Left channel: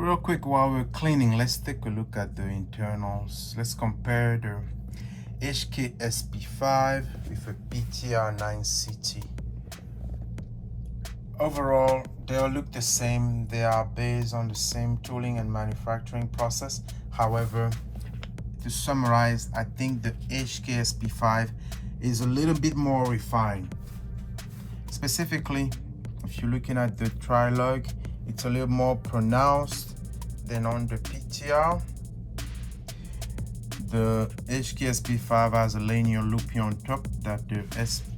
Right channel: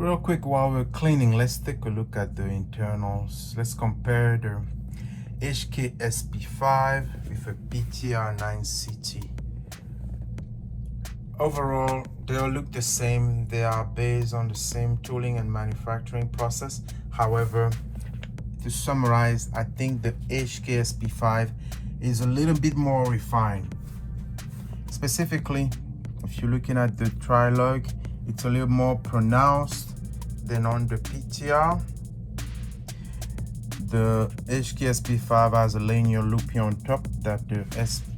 Real quick, while we're cleaning, let's take a look at the internals. Let's compare the Heckler SP5 with a PTR 9CT. Overall, they all look the same. They are based on the same tooling and manufacturing process. However, to summarize, I think the Heckler SP5 is a little bit more refined. Specifically, if you're looking at the tri-lug, it's a little more pronounced than on the PTR. The Heckler SP5 has a linear loopy on top that the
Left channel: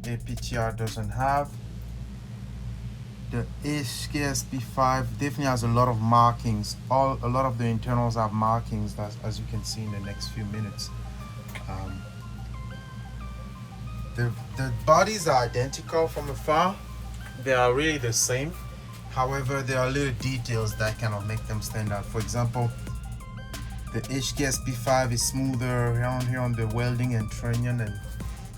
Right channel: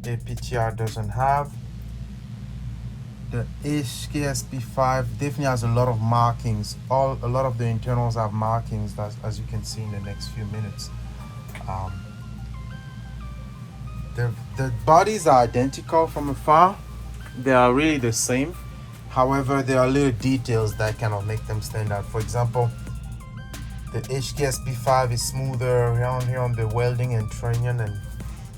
PTR doesn't have. The Heckler SP5 definitely has a lot of markings. A lot of the internals have markings, that, as you can see in the next few minutes. The bodies are identical from afar. They are really the same. However, there are little details that kind of make them stand out. For example, the Heckler SP5 is smoother around here on the welding and trunnion,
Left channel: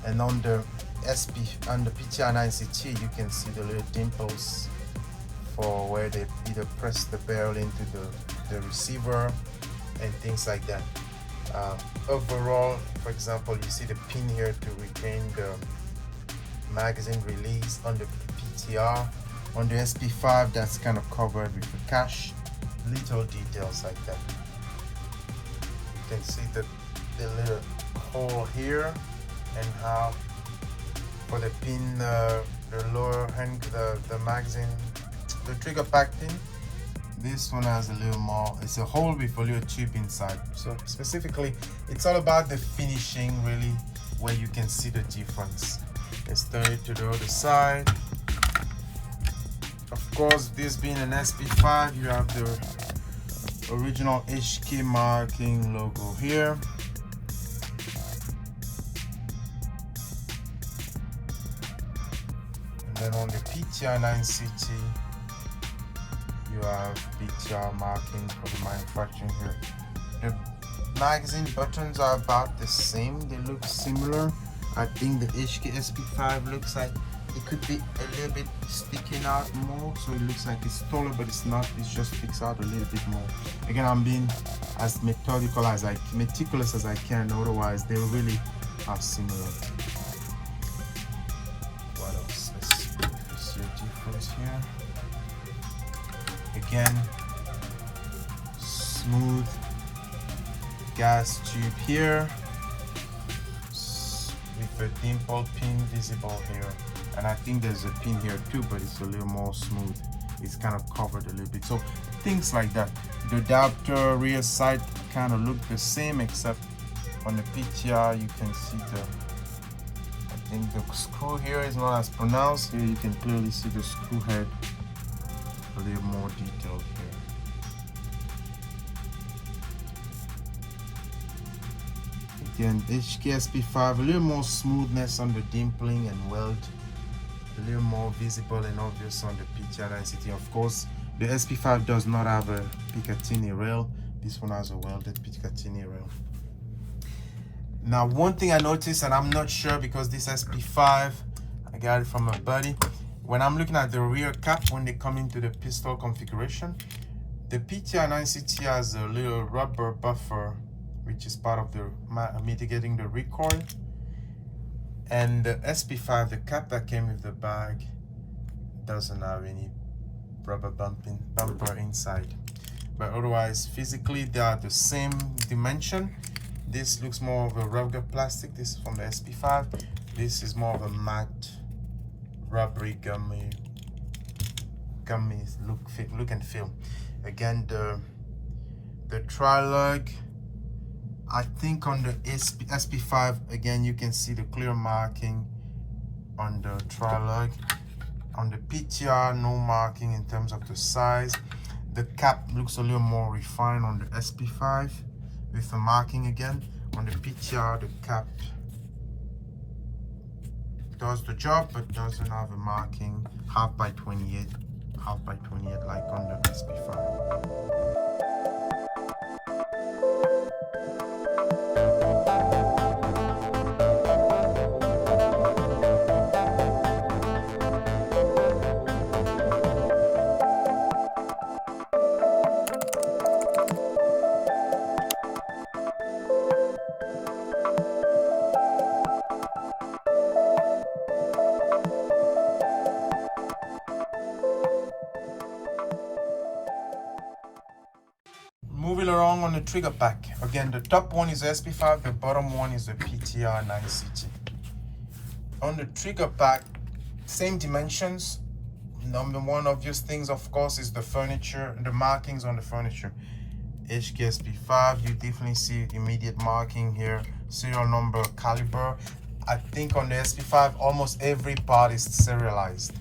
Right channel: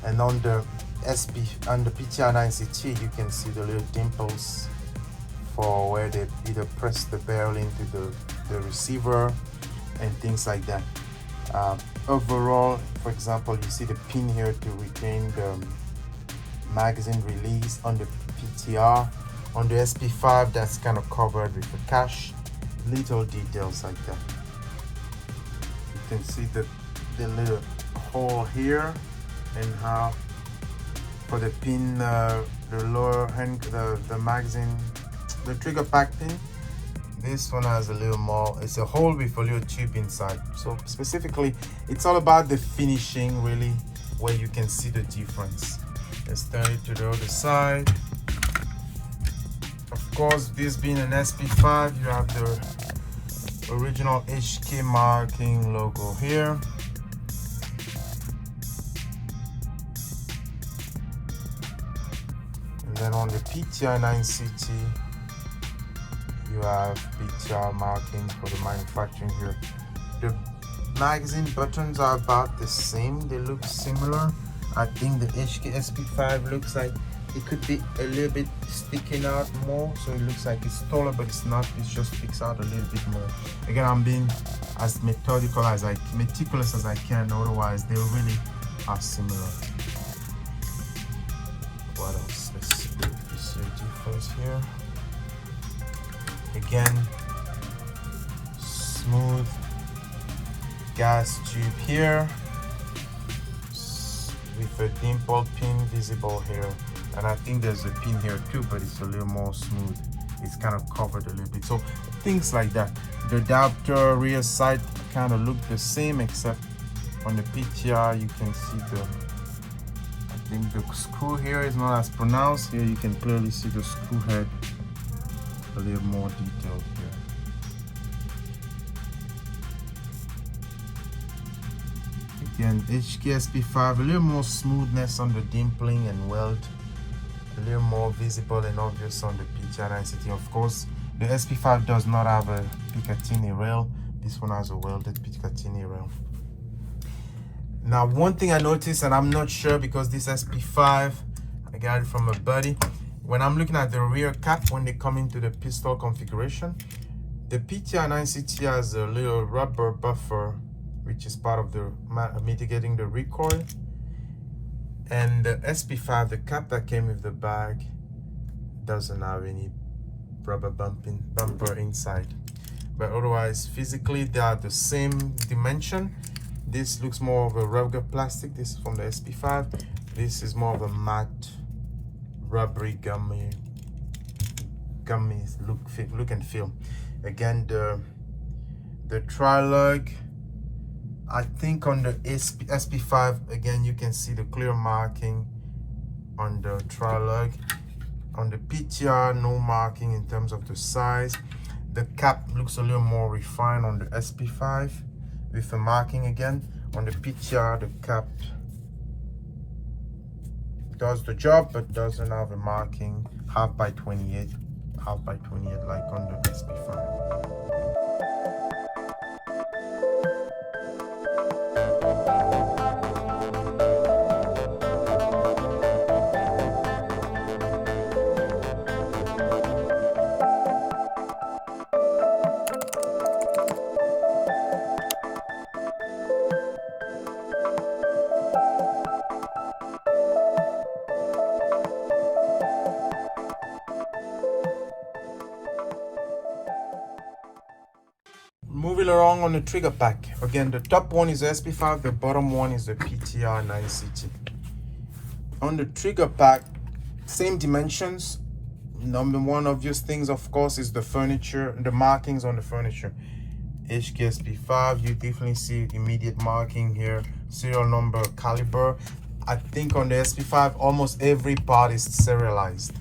and on the PTR 9CT, you can see the little dimples for where they either press the barrel into the receiver and things like that. Overall, for example, you see the pin here to retain the magazine release on the PTR. On the SP5, that's kind of covered with a cache. Little details like that. You can see the little hole here, and how for the pin, the lower hand, the magazine, the trigger pack pin. This one has a little more, it's a hole with a little tube inside. So specifically, it's all about the finishing, really, where you can see the difference. Let's turn it to the other side. Of course, this being an SP5, you have the original Heckler marking logo here. And then on the PTR 9CT, you have PTR marking for the manufacturing here. The magazine buttons are about the same, they look similar. I think the Heckler SP5 looks like it could be a little bit sticking out more, so it looks like it's taller, but it's not. It just sticks out a little bit more. Again, I'm being as meticulous as I can, otherwise they really are similar. What else? Let's see if you see a difference here. Again, smooth gas tube here with a dimple pin visible here, and I think there's a pin here too, but it's a little more smooth. It's kind of covered a little bit, so things like that. The adapter rear side kind of look the same, except on the PTR you can see I think the screw here is not as pronounced. Here you can clearly see the screw head a little more detailed here. Again, Heckler SP5, a little more smoothness on the dimpling and weld, a little more visible and obvious on the PTR 9CT. Of course, the SP5 does not have a Picatinny rail. This one has a welded Picatinny rail. Now, one thing I noticed, and I'm not sure because this SP5, I got it from a buddy. When I'm looking at the rear cap, when they come into the pistol configuration, the PTR 9CT has a little rubber buffer, which is part of the mitigating the recoil. And the SP5, the cap that came with the bag, doesn't have any rubber bumper inside. But otherwise, physically, they are the same dimension. This looks more of a rugged plastic. This is from the SP5. This is more of a matte, rubbery, gummy look and feel. Again, the tri-lug, I think on the SP5, again, you can see the clear marking on the tri-lug. On the PTR, no marking in terms of the size. The cap looks a little more refined on the SP5 with the marking again. On the PTR, the cap does the job, but doesn't have a marking, half by 28 like on the SP5. really wrong on the trigger pack. Again, the top one is the SP5, the bottom one is the PTR 9CT. On the trigger pack, same dimensions. Number one obvious things, of course, is the furniture, the markings on the furniture. Heckler SP5, you definitely see immediate marking here, serial number, caliber. I think on the SP5, almost every part is serialized.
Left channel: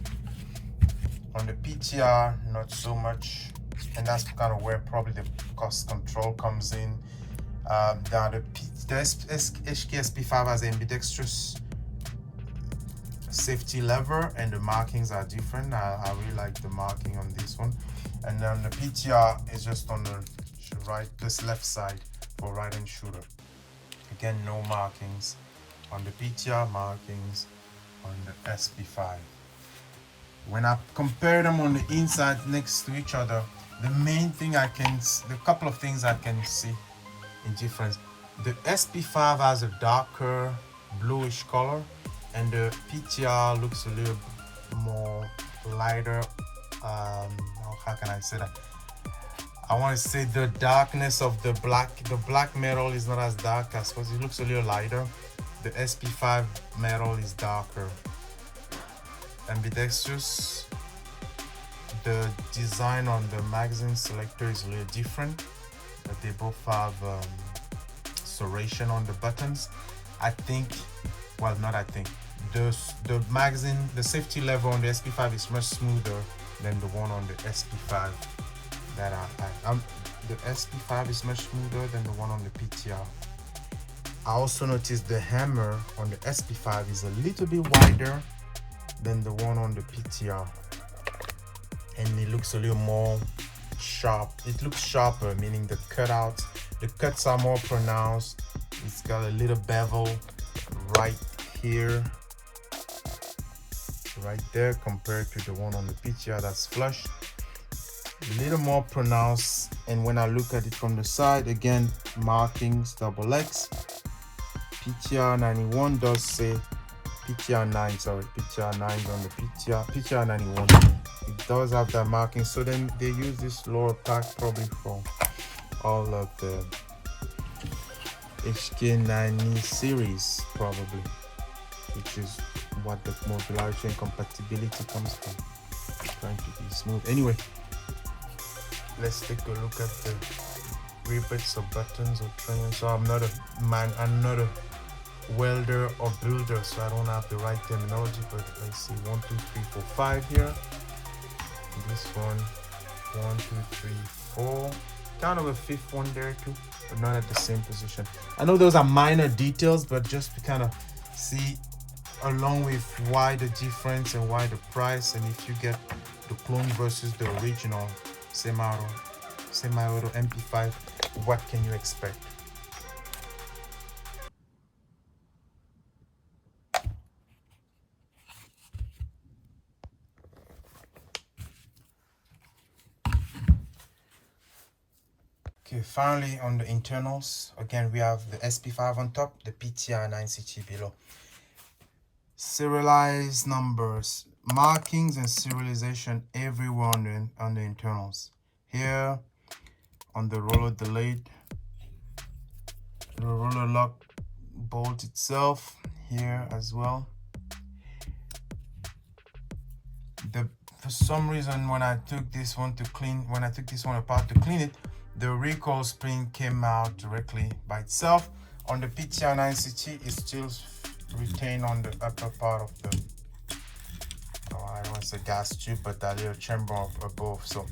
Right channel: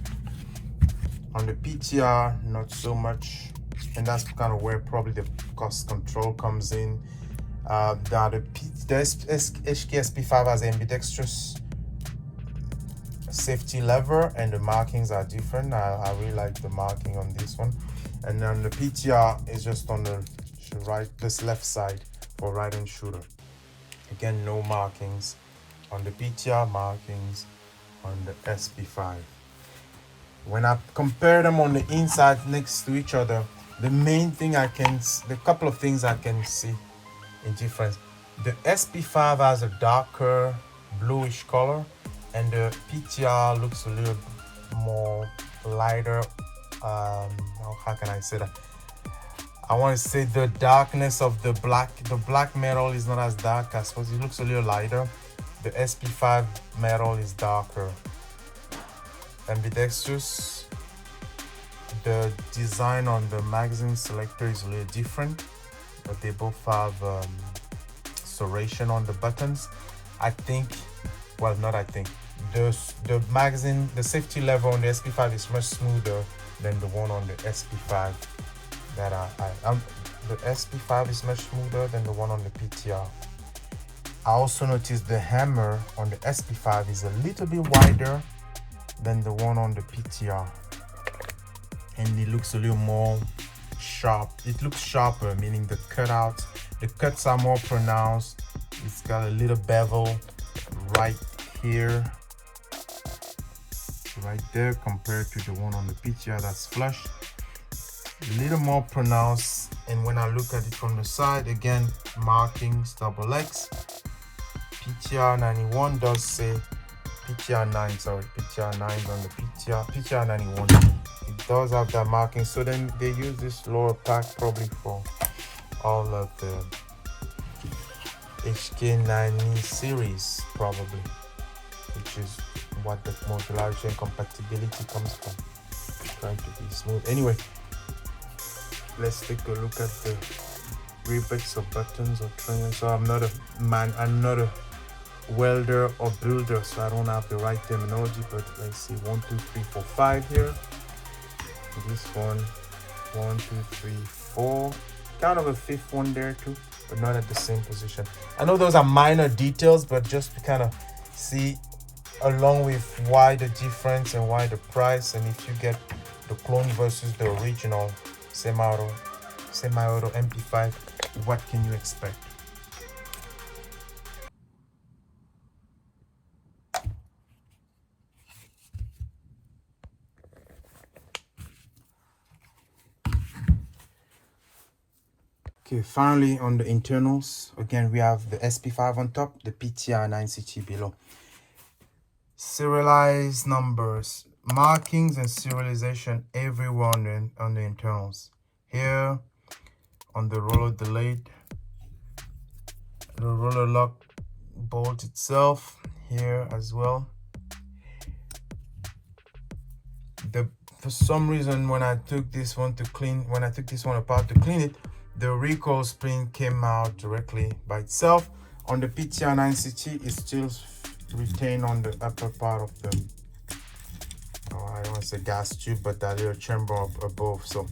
On the PTR, not so much, and that's kind of where probably the cost control comes in. Now the Heckler SP5 has ambidextrous safety lever, and the markings are different. I really like the marking on this one. And then the PTR is just on the right, this left side for right hand shooter. Again, no markings on the PTR, markings on the SP5. When I compare them on the inside next to each other, the main thing the couple of things I can see in difference. The SP5 has a darker bluish color, and the PTR looks a little more lighter. How can I say that? I want to say the darkness of the black metal is not as dark. I suppose it looks a little lighter. The SP5 metal is darker. Ambidextrous. The design on the magazine selector is a little different, but they both have serration on the buttons. I think, well, not I think, the magazine, the safety lever on the SP5 is much smoother than the one on the SP5. The SP5 is much smoother than the one on the PTR. I also noticed the hammer on the SP5 is a little bit wider than the one on the PTR, and it looks a little more sharp. It looks sharper, meaning the cuts are more pronounced. It's got a little bevel right here, right there, compared to the one on the PTR that's flush. A little more pronounced. And when I look at it from the side, again, markings XX. PTR 91 does say PTR 9, sorry, PTR 9 on the PTR 91. It does have that marking, so then they use this lower pack probably for all of the HK90 series, probably, which is what the modularity and compatibility comes from. Trying to be smooth. Anyway, let's take a look at the rivets or buttons or trimming. So I'm not a welder or builder, so I don't have the right terminology, but let's see, 1 2 3 4 5 here. This one, 1 2 3 4, kind of a fifth one there too, but not at the same position. I know those are minor details, but just to kind of see along with why the difference and why the price, and if you get the clone versus the original semi-auto MP5, what can you expect? Okay, finally on the internals, again we have the SP5 on top, the PTR 9CT below. Serialized numbers, markings and serialization everywhere on the internals. Here on the roller delayed, the roller lock bolt itself, here as well. For some reason, when I took this one apart to clean it, the recoil spring came out directly by itself. On the PTR 9CT, it's still retained on the upper part of the, I don't want to say gas tube, but that little chamber up above. So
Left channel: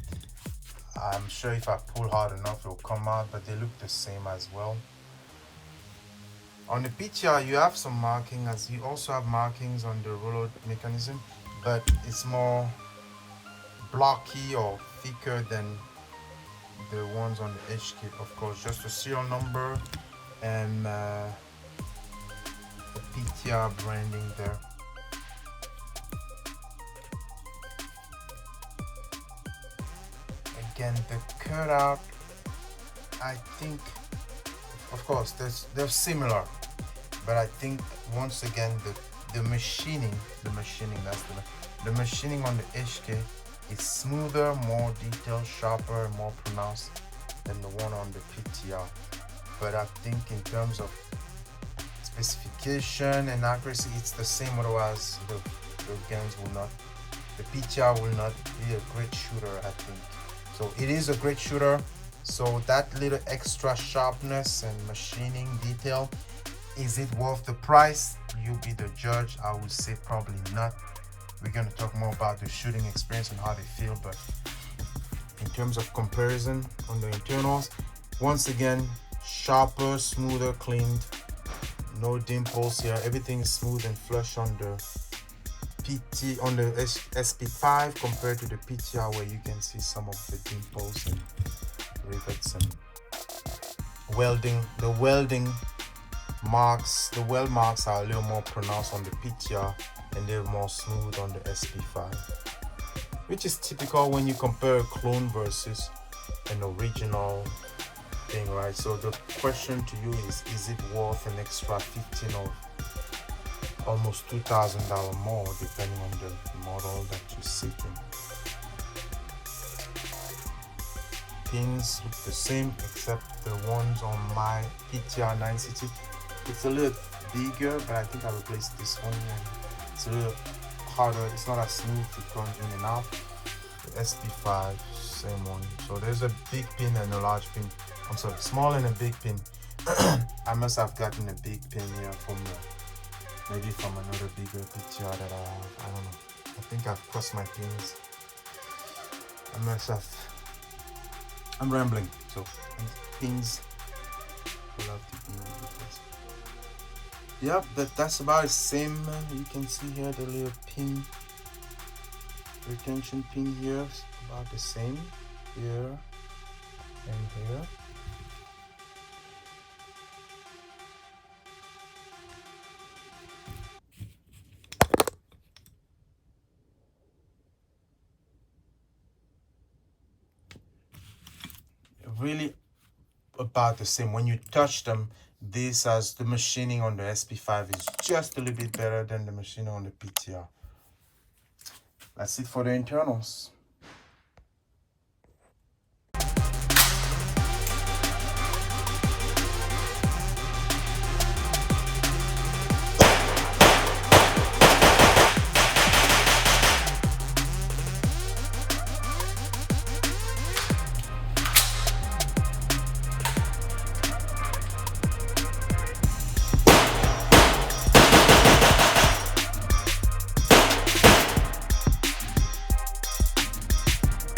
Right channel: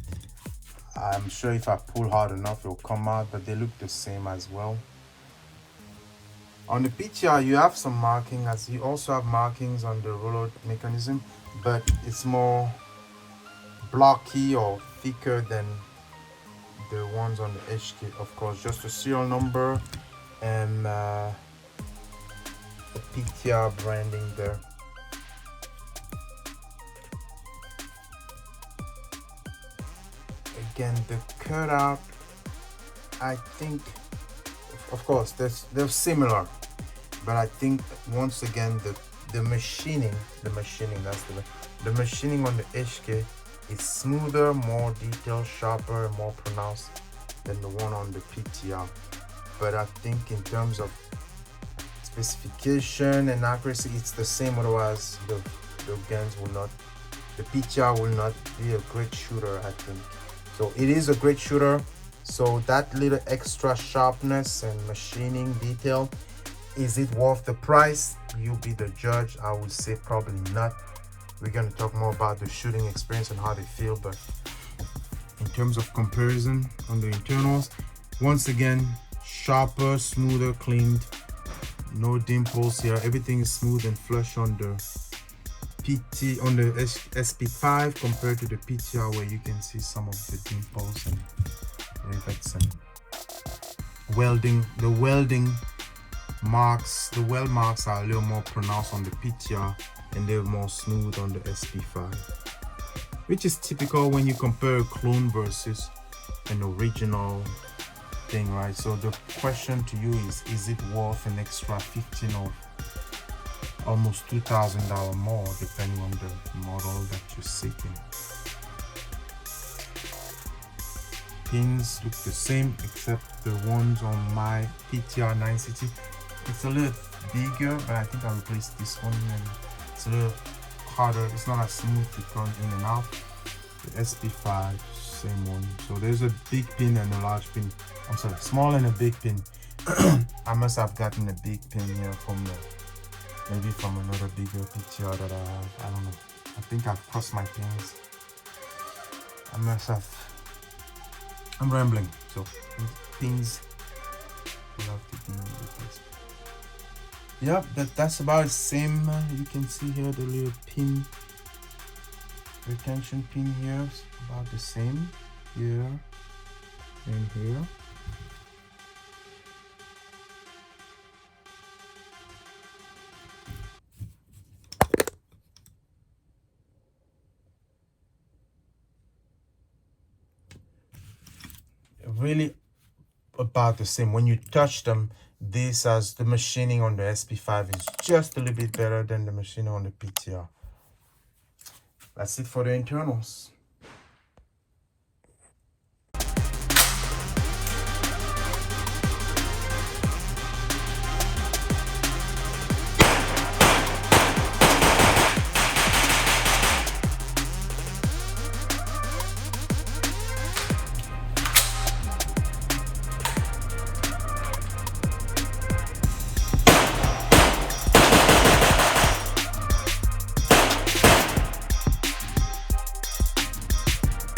I'm sure if I pull hard enough, it'll come out, but they look the same as well. On the PTR, you have some marking, as you also have markings on the roller mechanism, but it's more blocky or thicker than the ones on the HK. Of course, just a serial number and the PTR branding there. Again, the cutout, I think, of course, they're similar, but I think once again the machining on the HK is smoother, more detailed, sharper, more pronounced than the one on the PTR. But I think in terms of specification and accuracy, it's the same. Otherwise, the guns will not, the PTR will not be a great shooter, I think. So it is a great shooter. So that little extra sharpness and machining detail, is it worth the price? You be the judge. I would say probably not. We're going to talk more about the shooting experience and how they feel, but in terms of comparison on the internals, once again, sharper, smoother, cleaned, no dimples here. Everything is smooth and flush on the SP5 compared to the PTR, where you can see some of the dimples and rivets and welding. The welding marks, the weld marks are a little more pronounced on the PTR, and they're more smooth on the SP5, which is typical when you compare a clone versus an original thing, right? So the question to you is it worth an extra 15 or almost $2,000 more, depending on the model that you're seeking? Pins look the same, except the ones on my PTR 960. It's a little bigger, but I think I replaced this one, and it's a little harder. It's not as smooth to turn in and out. The SP5, same one. So there's a big pin and a large pin. I'm sorry, small and a big pin. I must have gotten a big pin here from maybe from another bigger PTR that I have. I don't know. I think I've crossed my pins. I must have. I'm rambling. So pins. Yep, that's about the same. You can see here the little pin, retention pin here is about the same here and here. Really about the same. When you touch them, this as the machining on the SP5 is just a little bit better than the machining on the PTR. That's it for the internals.